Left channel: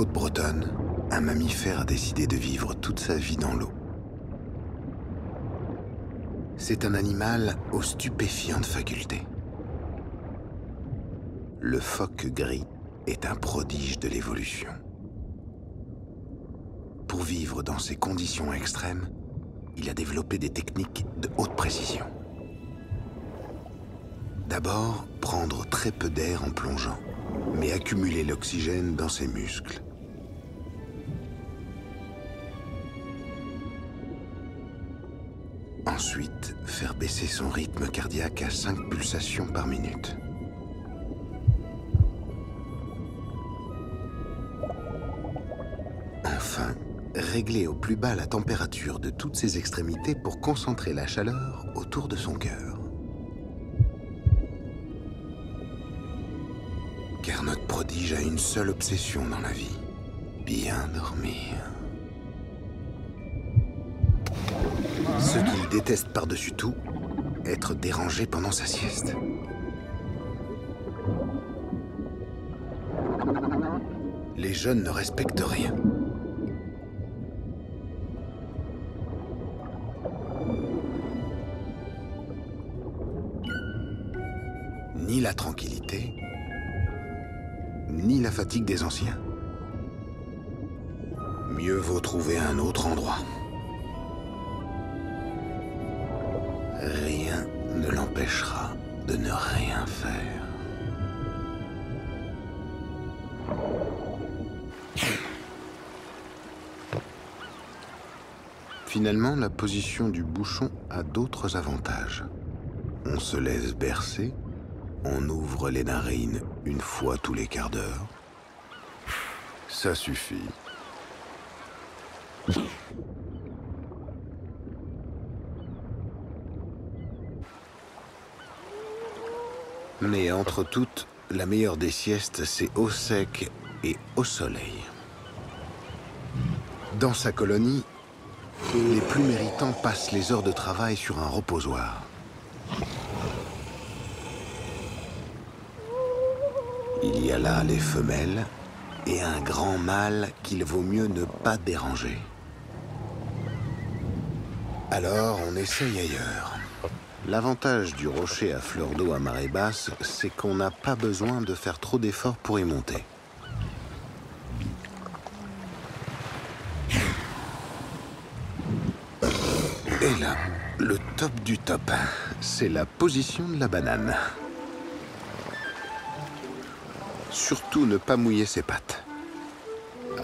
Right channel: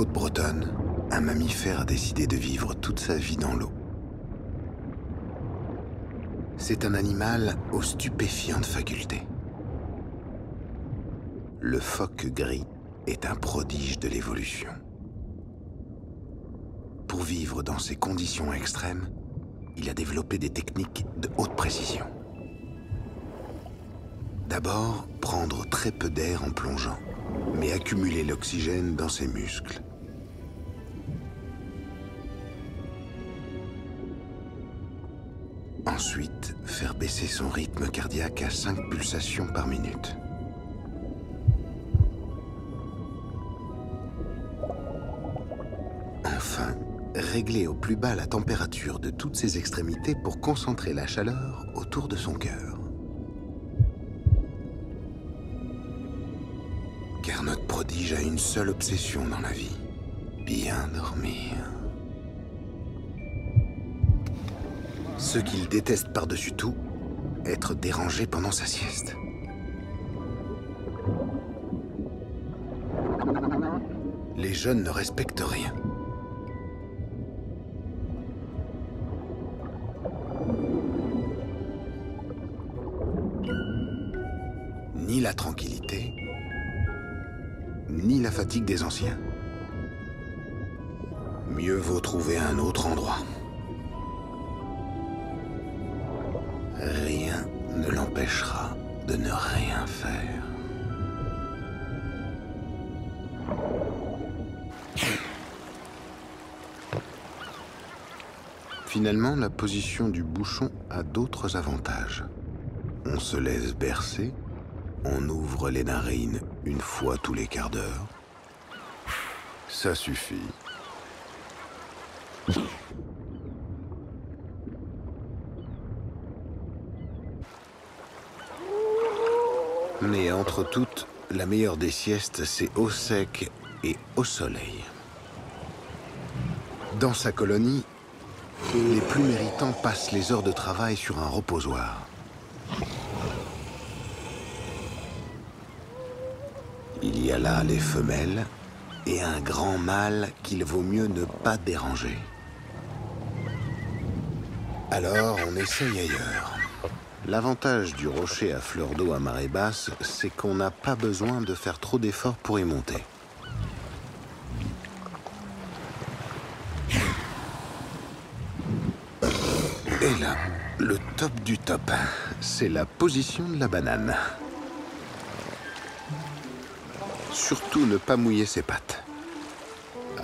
côtes bretonnes, un mammifère a décidé de vivre toute sa vie dans l'eau. C'est un animal aux stupéfiantes facultés. Le phoque gris est un prodige de l'évolution. Pour vivre dans ces conditions extrêmes, il a développé des techniques de haute précision. D'abord, prendre très peu d'air en plongeant, mais accumuler l'oxygène dans ses muscles. Ensuite, faire baisser son rythme cardiaque à 5 pulsations par minute. Enfin, régler au plus bas la température de toutes ses extrémités pour concentrer la chaleur autour de son cœur. Car notre prodige a une seule obsession dans la vie, bien dormir. Ce qu'il déteste par-dessus tout, être dérangé pendant sa sieste. Les jeunes ne respectent rien. Ni la tranquillité, ni la fatigue des anciens. Mieux vaut trouver un autre endroit. Rien ne l'empêchera de ne rien faire. Finalement, la position du bouchon a d'autres avantages. On se laisse bercer, on ouvre les narines une fois tous les quarts d'heure. Ça suffit. Mais entre toutes, la meilleure des siestes, c'est au sec et au soleil. Dans sa colonie, les plus méritants passent les heures de travail sur un reposoir. Il y a là les femelles et un grand mâle qu'il vaut mieux ne pas déranger. Alors, on essaye ailleurs. L'avantage du rocher à fleur d'eau à marée basse, c'est qu'on n'a pas besoin de faire trop d'efforts pour y monter. Et là, le top du top, c'est la position de la banane. Surtout ne pas mouiller ses pattes.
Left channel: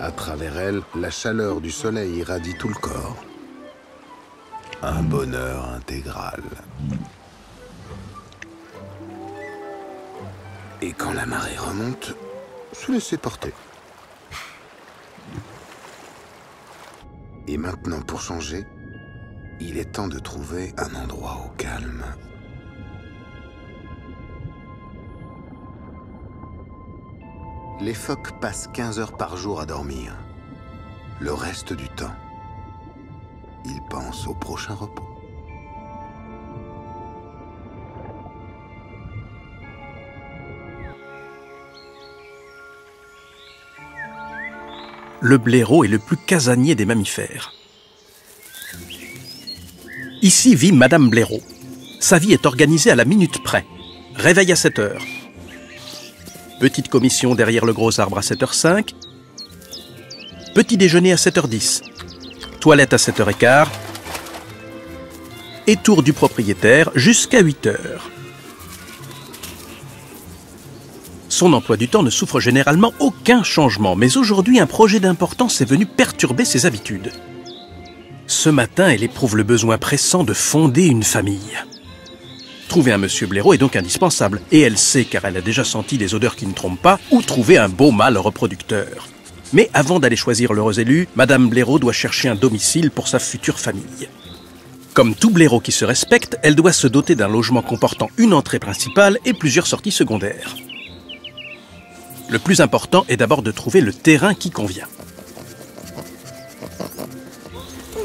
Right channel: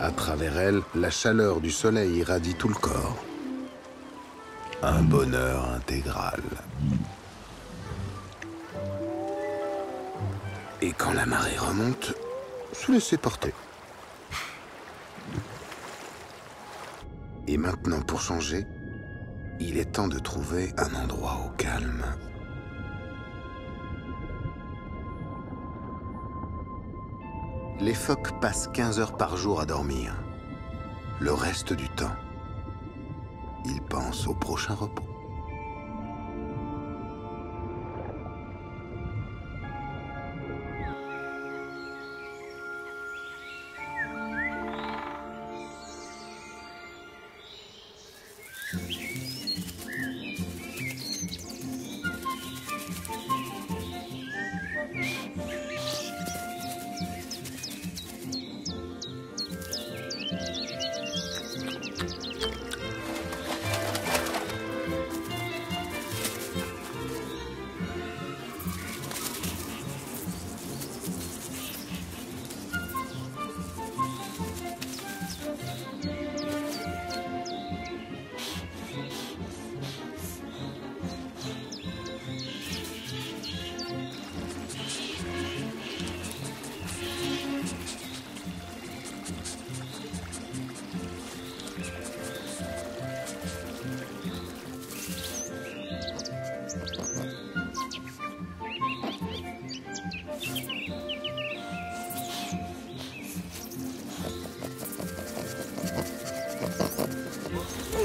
À travers elle, la chaleur du soleil irradie tout le corps. Un bonheur intégral. Et quand la marée remonte, se laisser porter. Et maintenant, pour changer, il est temps de trouver un endroit au calme. Les phoques passent 15 heures par jour à dormir. Le reste du temps, ils pensent au prochain repos. Le blaireau est le plus casanier des mammifères. Ici vit Madame Blaireau. Sa vie est organisée à la minute près. Réveil à 7 heures. Petite commission derrière le gros arbre à 7h05. Petit déjeuner à 7h10. Toilette à 7h15. Et tour du propriétaire jusqu'à 8h. Son emploi du temps ne souffre généralement aucun changement, mais aujourd'hui, un projet d'importance est venu perturber ses habitudes. Ce matin, elle éprouve le besoin pressant de fonder une famille. Trouver un monsieur blaireau est donc indispensable, et elle sait, car elle a déjà senti des odeurs qui ne trompent pas, où trouver un beau mâle reproducteur. Mais avant d'aller choisir l'heureux élu, Madame Blaireau doit chercher un domicile pour sa future famille. Comme tout blaireau qui se respecte, elle doit se doter d'un logement comportant une entrée principale et plusieurs sorties secondaires. Le plus important est d'abord de trouver le terrain qui convient.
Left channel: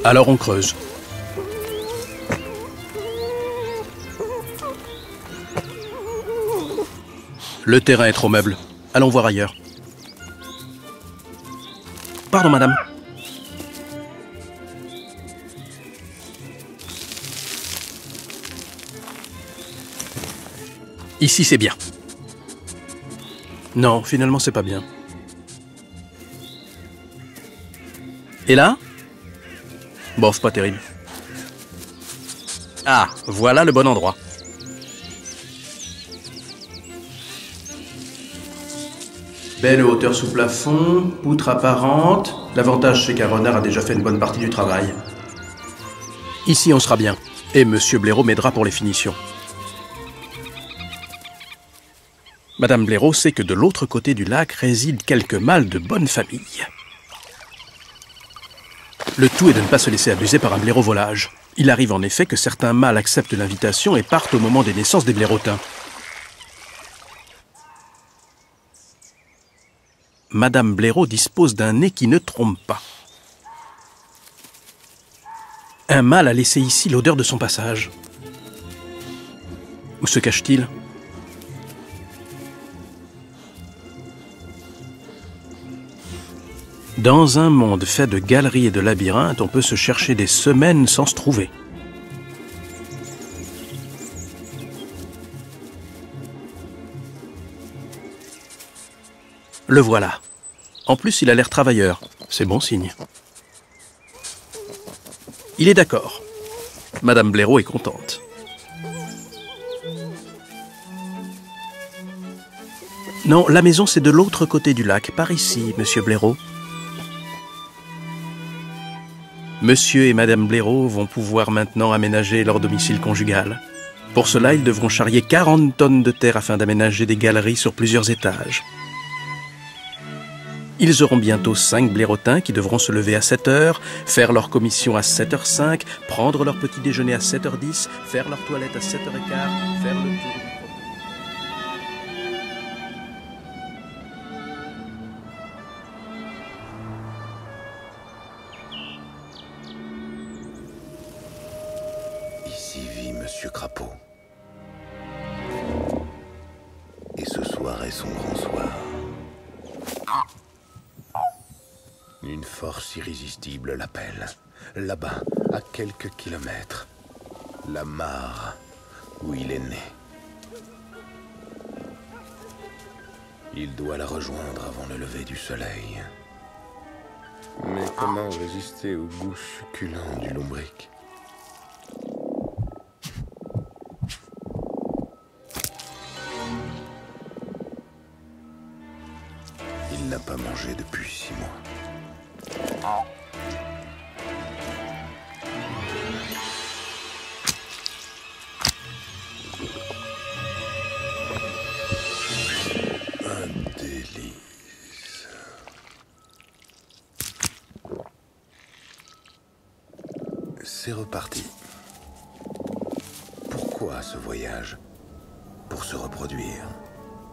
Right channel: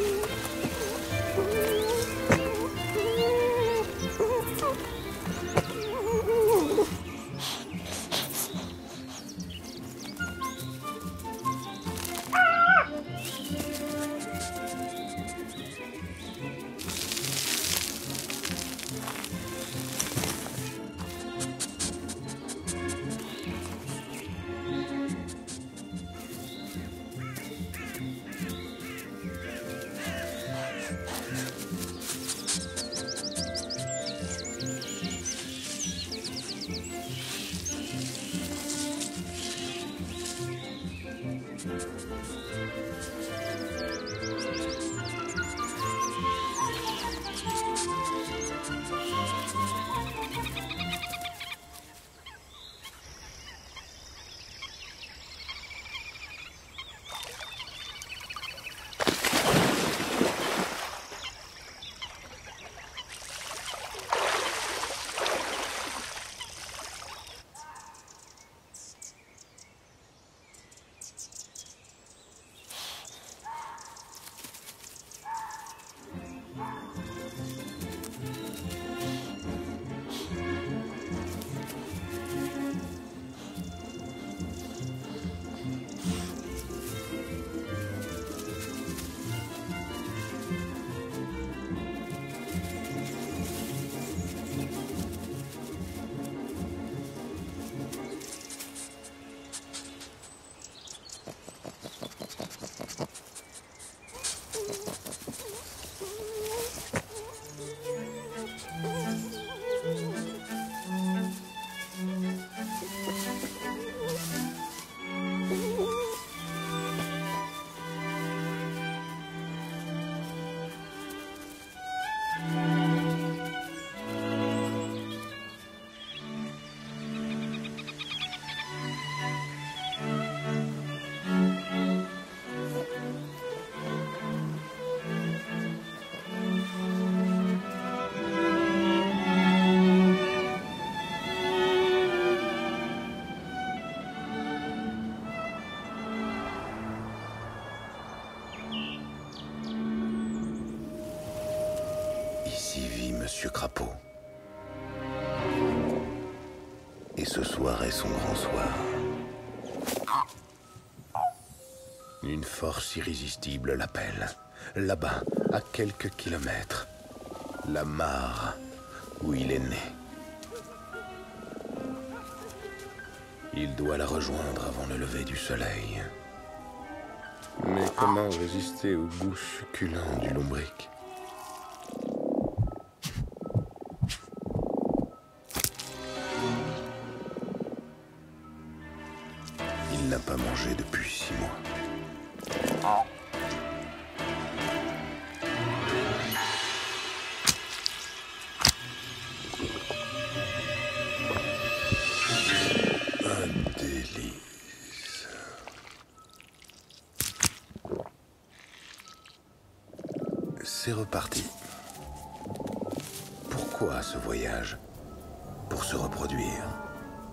Alors on creuse. Le terrain est trop meuble. Allons voir ailleurs. pardon, madame. Ici, c'est bien. Non, finalement, c'est pas bien. Et là? Bof, pas terrible. Ah, voilà le bon endroit. Belle hauteur sous plafond, poutre apparente. L'avantage, c'est qu'un renard a déjà fait une bonne partie du travail. Ici, on sera bien. Et Monsieur Blaireau m'aidera pour les finitions. Madame Blaireau sait que de l'autre côté du lac résident quelques mâles de bonne famille. Le tout est de ne pas se laisser abuser par un blaireau volage. Il arrive en effet que certains mâles acceptent l'invitation et partent au moment des naissances des blaireautins. Madame Blaireau dispose d'un nez qui ne trompe pas. Un mâle a laissé ici l'odeur de son passage. Où se cache-t-il ? Dans un monde fait de galeries et de labyrinthes, on peut se chercher des semaines sans se trouver. Le voilà. En plus, il a l'air travailleur. C'est bon signe. Il est d'accord. Madame Blaireau est contente. Non, la maison, c'est de l'autre côté du lac, par ici, Monsieur Blaireau. Monsieur et Madame Blaireau vont pouvoir maintenant aménager leur domicile conjugal. Pour cela, ils devront charrier 40 tonnes de terre afin d'aménager des galeries sur plusieurs étages. Ils auront bientôt 5 blaireautins qui devront se lever à 7 h, faire leur commission à 7 h 05, prendre leur petit déjeuner à 7 h 10, faire leur toilette à 7 h 15, faire le... Ici vit Monsieur Crapaud. Et ce soir est son grand soir. Une force irrésistible l'appelle. Là-bas, à quelques kilomètres. La mare où il est né. Il doit la rejoindre avant le lever du soleil. Mais comment résister au goût succulent du lombric ? Il n'a pas mangé depuis 6 mois. Un délice. C'est reparti. Pourquoi ce voyage? Pour se reproduire.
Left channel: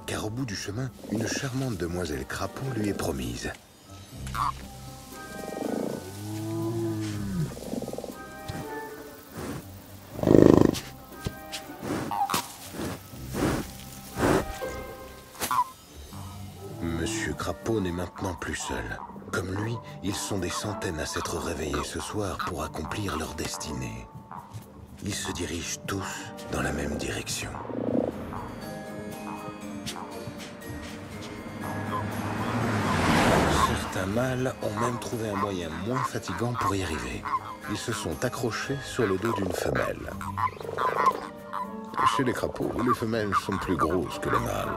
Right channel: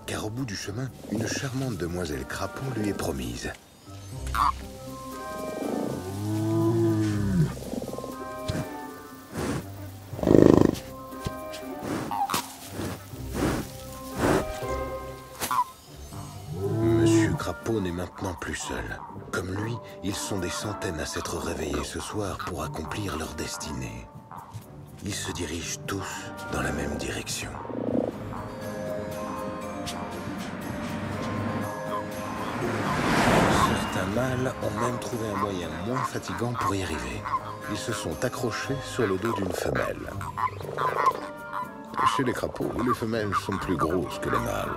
Car au bout du chemin, une charmante demoiselle Crapaud lui est promise. Monsieur Crapaud n'est maintenant plus seul. Comme lui, ils sont des centaines à s'être réveillés ce soir pour accomplir leur destinée. Ils se dirigent tous dans la même direction. Certains mâles ont même trouvé un moyen moins fatigant pour y arriver. Ils se sont accrochés sur le dos d'une femelle. Chez les crapauds, les femelles sont plus grosses que les mâles.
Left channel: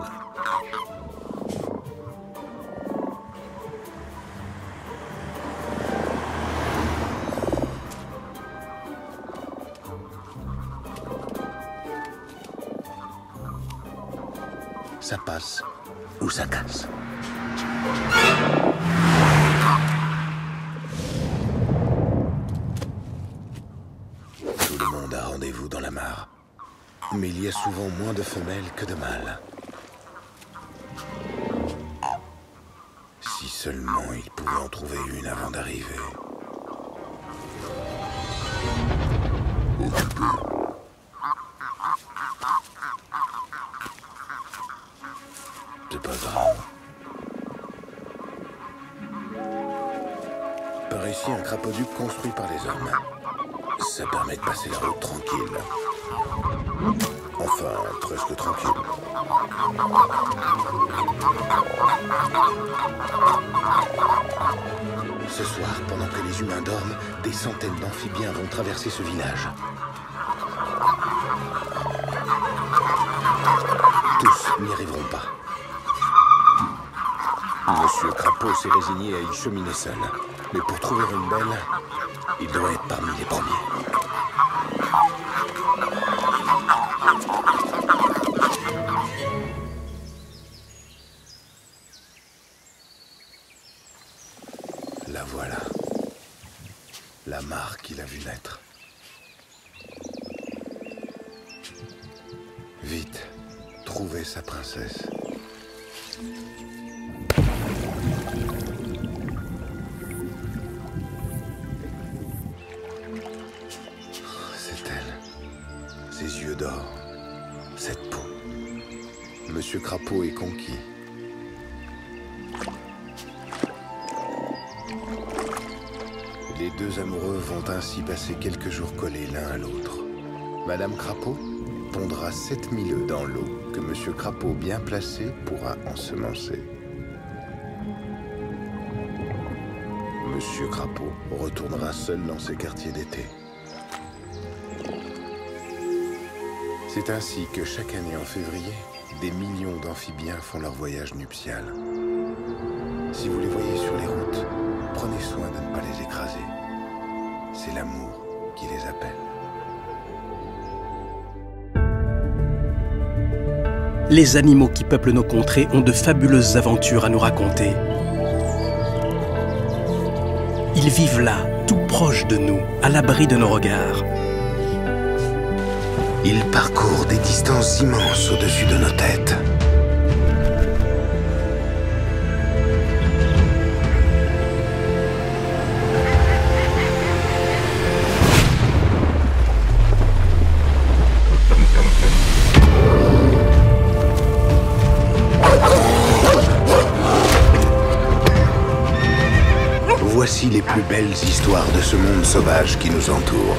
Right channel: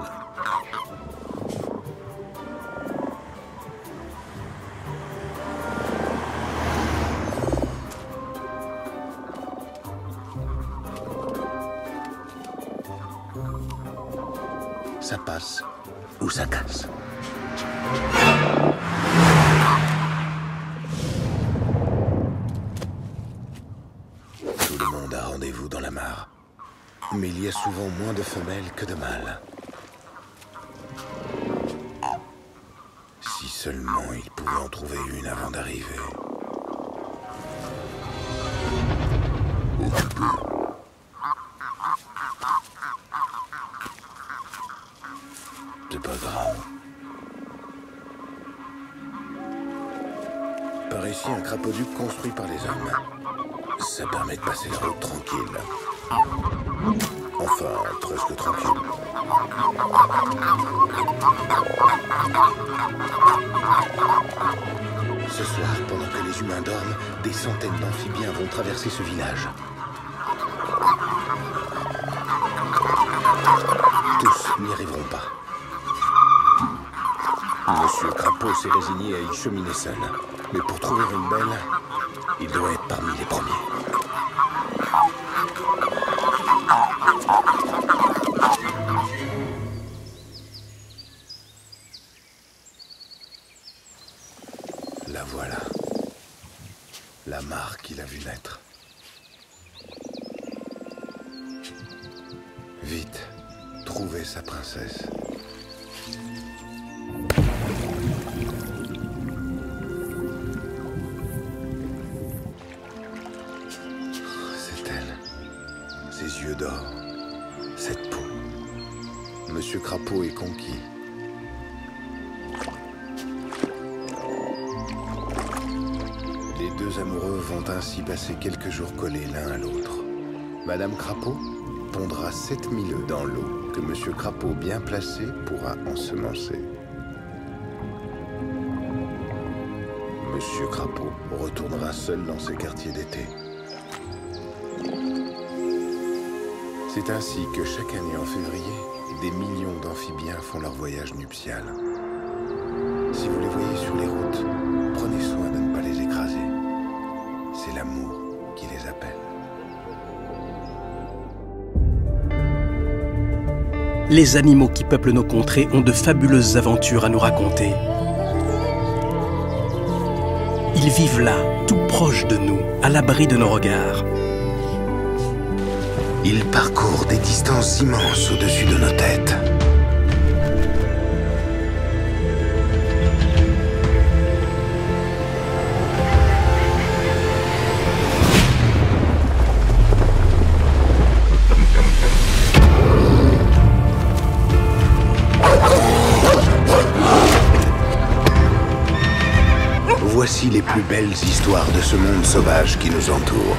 Ça passe ou ça casse. Tout le monde a rendez-vous dans la mare. Mais il y a souvent moins de femelles que de mâles. Si seulement il pouvait en trouver une avant d'arriver. C'est pas grave. demeure ici un crapaud-duc construit par les hommes. Ça permet de passer la route tranquille. Enfin, presque tranquille. Ce soir, pendant que les humains dorment, des centaines d'amphibiens vont traverser ce village. Tous n'y arriveront pas. Monsieur Crapaud s'est résigné à y cheminer seul. Mais pour trouver une belle, il doit être parmi les premiers. La voilà. La mare qu'il a vue naître. Vite, trouvez sa princesse. C'est elle. Ses yeux d'or. Cette peau. Monsieur Crapaud est conquis. Les deux amoureux vont ainsi passer quelques jours collés l'un à l'autre. Madame Crapaud pondra 7000 œufs dans l'eau que Monsieur Crapaud, bien placé, pourra ensemencer. Monsieur Crapaud retournera seul dans ses quartiers d'été. C'est ainsi que chaque année en février, des millions d'amphibiens font leur voyage nuptial. Si vous les voyez sur les routes, prenez soin de ne pas les écraser. C'est l'amour qui les appelle. Les animaux qui peuplent nos contrées ont de fabuleuses aventures à nous raconter. Ils vivent là, tout proche de nous, à l'abri de nos regards. Ils parcourent des distances immenses au-dessus de nos têtes. Voici les plus belles histoires de ce monde sauvage qui nous entoure.